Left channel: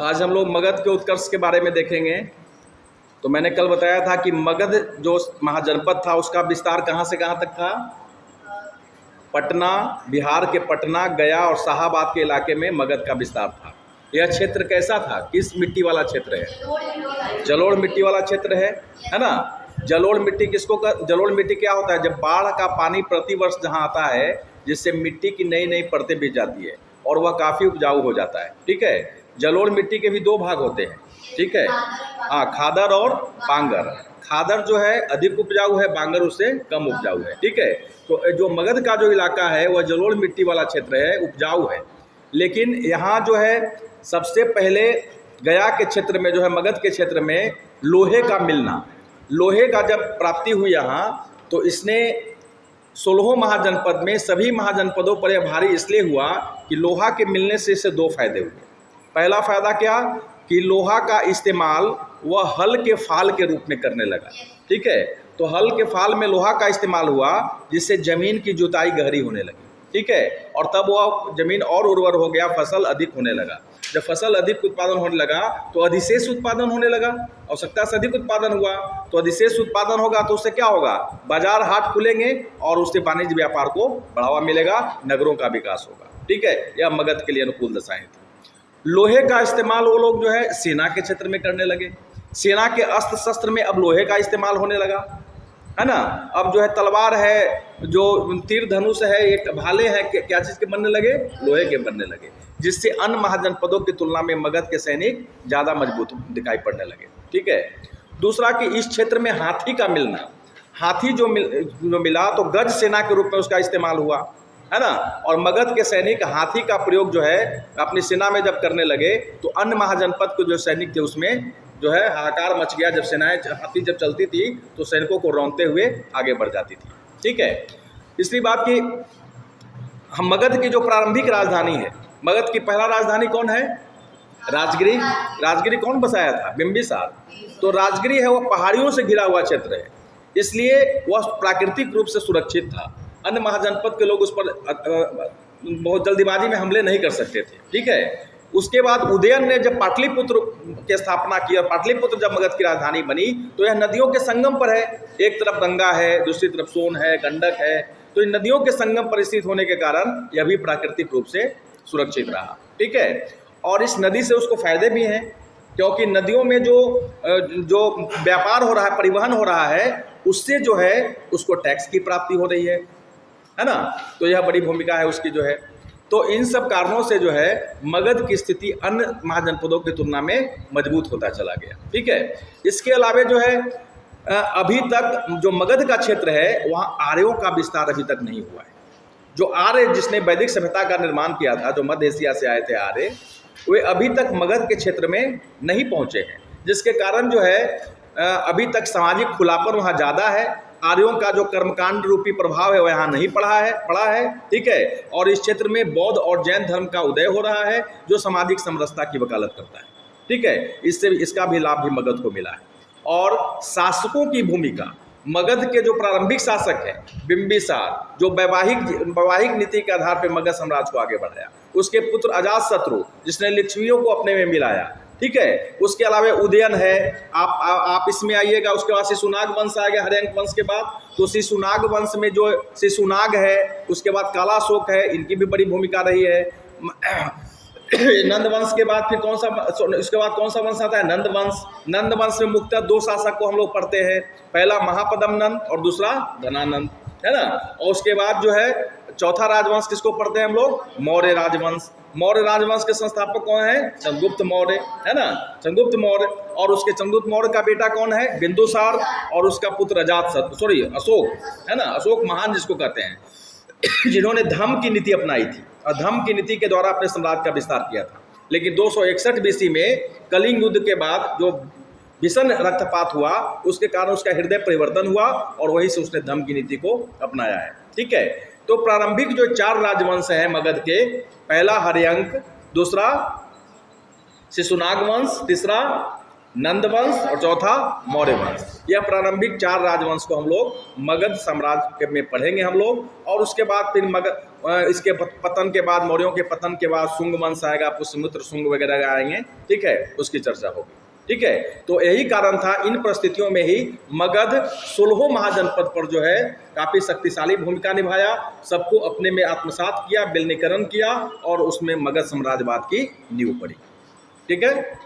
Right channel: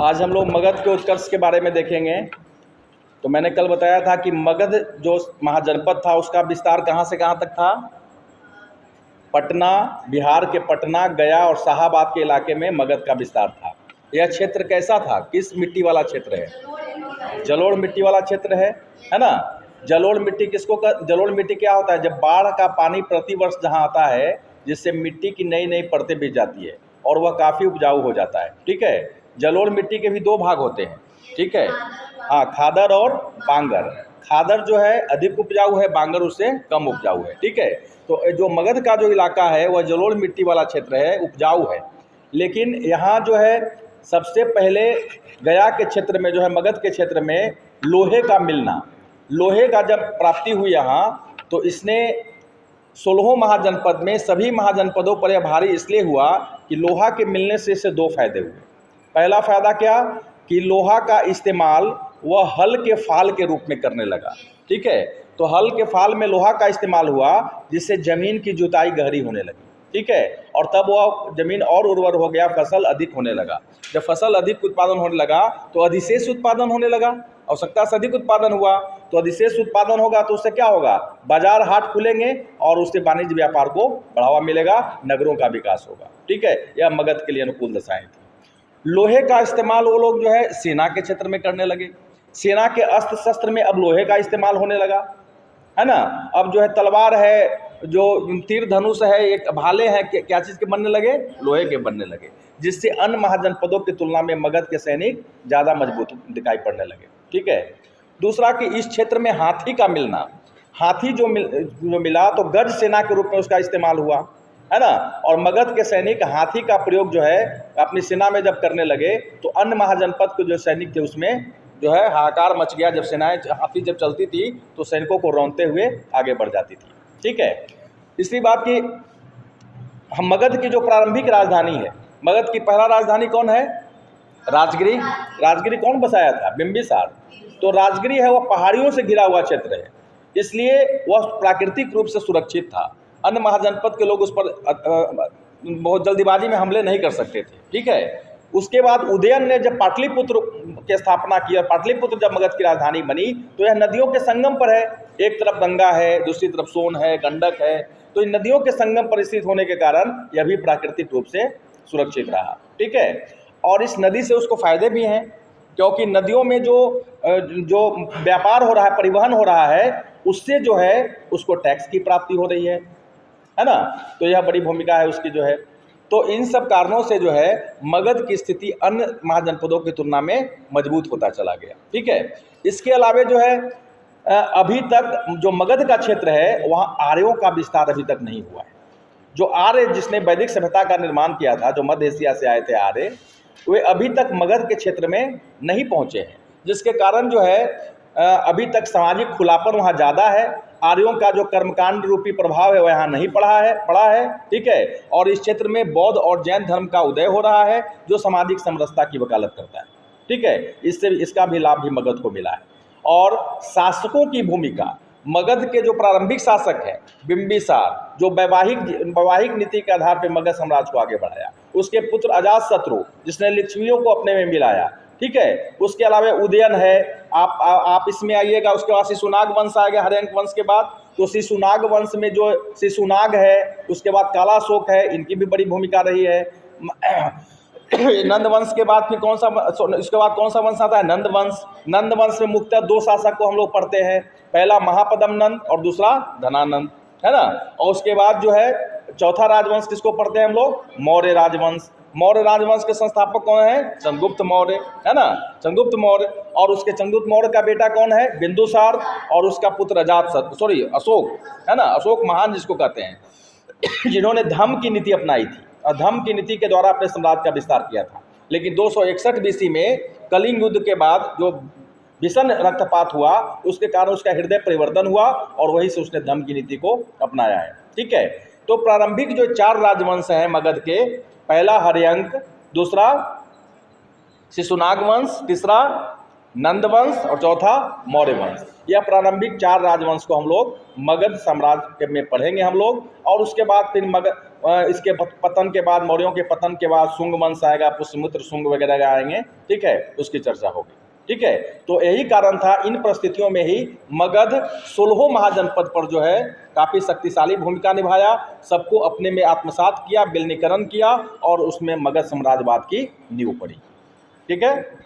आज हम लोग मगध के उत्कर्ष के बारे में देखेंगे। तो मैंने कल बताया था कि मगध जो महाजनपद था उसका विस्तार कहाँ से कहाँ तक था। पटना, बिहार के पटना, गया और शाहाबाद के इलाके में मगध का विस्तार था। यह क्षेत्र कैसा था, किस मिट्टी वाला क्षेत्र है? जलोढ़ मिट्टी वाला क्षेत्र है ना। जलोढ़ मिट्टी किसको जलोढ़ मिट्टी क्या होता है? जब बाढ़ का पानी प्रतिवर्ष जहाँ आता है, जिससे मिट्टी की नई नई परतें बिछ जाती है और वह काफ़ी उपजाऊ हो जाता है। ठीक है। जलोढ़ मिट्टी के भी दो भाग होते हैं। ठीक है। हाँ, खादर और बांगर। खादर जो है अधिक उपजाऊ है, बांगर उससे कम उपजाऊ है। ठीक है। तो जो मगध का जो इलाका है वह जलोढ़ मिट्टी वाला क्षेत्र है, उपजाऊ है। लेकिन यहाँ जो है सबसे पहले गया के क्षेत्र में जो है, मगध के क्षेत्र में लोहे का मिलना, लोहे का जब प्राप्ति हुई यहाँ, तो इसने 16 महाजनपद में सभी महाजनपदों पर यह भारी इसलिए हुआ कि लोहा के मिलने से इससे दो फायदे हुए। पहला फायदा क्या कि लोहा का इस्तेमाल वह हल के फाल के रूप में करने लगा। ठीक है। तो हल के फाल में लोहा का इस्तेमाल हुआ, जिससे ज़मीन की जुताई गहरी होने लगी। ठीक है। और तब वह ज़मीन और उर्वर हो गया, फसल अधिक होने लगा। जब फसल अधिक उत्पादन होने लगा तो अधिशेष उत्पादन होने लगा, आवश्यकता से अधिक उत्पादन हुआ तो अधिशेष उत्पादन होगा, तो उससे क्या होगा? बाजार हाट खुलेंगे और उससे वाणिज्य व्यापार को बढ़ावा मिलेगा, नगरों का विकास होगा। ठीक है। यह मगध के लिए अनुकूल दशाएं थी। लोहे का इस्तेमाल वो लोग जो है सेना के क्षेत्र में करने लगे। सेना के अस्त्र शस्त्र में अब लोहे का इस्तेमाल होने लगा, है ना। अब जो है तलवार है, जो तीर धनुष है, एक भाले हैं, क्या चीज़ के बनने लगे? लोहे के बनने लगे, जिससे अन्य महाजनपदों की तुलना में मगध के सैनिक ज़्यादा मजबूत दिखाई पड़ने लगे। ठीक है। दूसरा कि इस क्षेत्र में हाथी का मिलना, हाथी जो मिला तो गज सेना के रूप में उसका इस्तेमाल हुआ, है ना। और मगध के सैनिक हाथी का प्रयोग जो है अपनी सेना में जब करने लगे तो अन्य महाजनपद के जो सैनिक थे उसमें जो है हाहाकार मच गया। जब सेनाएं हाथी जब चलती थी तो सैनिकों को रौंदते हुए आगे बढ़ जाती थी। ठीक है। इसलिए बात की हम मगध की जो प्रारंभिक राजधानी है, मगध की पहला राजधानी कौन है? राजगिरी। राजगिरी कौन बसाया था? बिंबिसार। तो राजगिरी है वह पहाड़ियों से घिरा हुआ क्षेत्र है, इसलिए वह प्राकृतिक रूप से सुरक्षित था। अन्य महाजनपद के लोग उस पर बहुत जल्दीबाजी में हमले नहीं कर सकते थे। ठीक है। उसके बाद उदयन ने जब पाटलिपुत्र की स्थापना की और पाटलिपुत्र जब मगध की राजधानी बनी, तो यह नदियों के संगम पर है। एक तरफ गंगा है, दूसरी तरफ सोन है, गंडक है। तो इन नदियों के संगम पर स्थित होने के कारण यह भी प्राकृतिक रूप से सुरक्षित रहा। ठीक है। और इस नदी से उसको फायदे भी हैं, क्योंकि नदियों में जो व्यापार हो रहा है, परिवहन हो रहा है, उससे जो है उसको टैक्स की प्राप्ति हो रही है ना। तो यह बड़ी भूमिका है उसकी जो है। तो इन सब कारणों से जो है मगध की स्थिति अन्य महाजनपदों की तुलना में मजबूत होता चला गया। ठीक है। इसके अलावे जो है अभी तक जो मगध का क्षेत्र है वहाँ आर्यों का विस्तार अभी तक नहीं हुआ है। जो आर्य जिसने वैदिक सभ्यता का निर्माण किया था, जो मध्य एशिया से आए थे आर्य, वे अभी तक मगध के क्षेत्र में नहीं पहुँचे हैं, जिसके कारण जो है अभी तक सामाजिक खुलापन वहाँ ज़्यादा है। आर्यों का जो कर्मकांड रूपी प्रभाव है वह यहाँ नहीं पड़ा है। ठीक है। और इस क्षेत्र में बौद्ध और जैन धर्म का उदय हो रहा है, जो सामाजिक समरसता की वकालत करता है। ठीक है। इससे इसका भी लाभ भी मगध को मिला है। और शासकों की भूमिका, मगध के जो प्रारंभिक शासक है बिंबिसार, जो वैवाहिक नीति के आधार पर मगध साम्राज्य को आगे बढ़ाया। उसके पुत्र अजातशत्रु, जिसने लिच्छवियों को अपने में मिलाया। ठीक है। उसके अलावा उदयन है, आप इसमें आइएगा। उसके बाद शिशुनाग वंश आ गया हर्यंक वंश के बाद। तो शिशुनाग वंश में जो शिशुनाग है, उसके बाद कालाशोक है, इनकी भी बड़ी भूमिका रही है। नंद वंश के बाद फिर इसके बाद कौन सा वंश आता है? नंद वंश। नंद वंश में मुख्यतः दो शासक को हम लोग पढ़ते हैं, पहला महापद्म नंद और दूसरा धनानंद, है ना। और उसके बाद जो है चौथा राजवंश किसको पढ़ते हैं हम लोग? मौर्य राजवंश। मौर्य राजवंश के संस्थापक कौन है? चंद्रगुप्त मौर्य, है ना। चंद्रगुप्त मौर्य। और उसके चंद्रगुप्त मौर्य का बेटा कौन है? बिंदुसार। और उसका पुत्र अशोक, है ना। अशोक महान जिसको कहते हैं, जिन्होंने धम्म की नीति अपनाई थी और धम्म की नीति के द्वारा अपने साम्राज्य का विस्तार किया था। लेकिन 261 BC में कलिंग युद्ध के बाद जो भीषण रक्तपात हुआ, उसके कारण उसका हृदय परिवर्तन हुआ और वहीं से उसने धम्म की नीति को अपनाया है। ठीक है। तो प्रारंभिक जो 4 राजवंश हैं मगध के, पहला हर्यंक, दूसरा शिशुनाग वंश, तीसरा नंद वंश और चौथा मौर्य वंश। यह प्रारंभिक 4 राजवंश को हम लोग मगध साम्राज्य में पढ़ेंगे हम लोग। और उसके बाद फिर इसके पतन के बाद, मौर्यों के पतन के बाद शुंग वंश आएगा, पुष्यमित्र शुंग वगैरह आएंगे, ठीक है, उसकी चर्चा होगी, ठीक है। तो यही कारण था, इन परिस्थितियों में ही मगध 16 महाजनपद पर जो है काफ़ी शक्तिशाली भूमिका निभाया, सबको अपने में आत्मसात किया, विलीनीकरण किया और उसमें मगध साम्राज्यवाद की नींव पड़ी, ठीक है।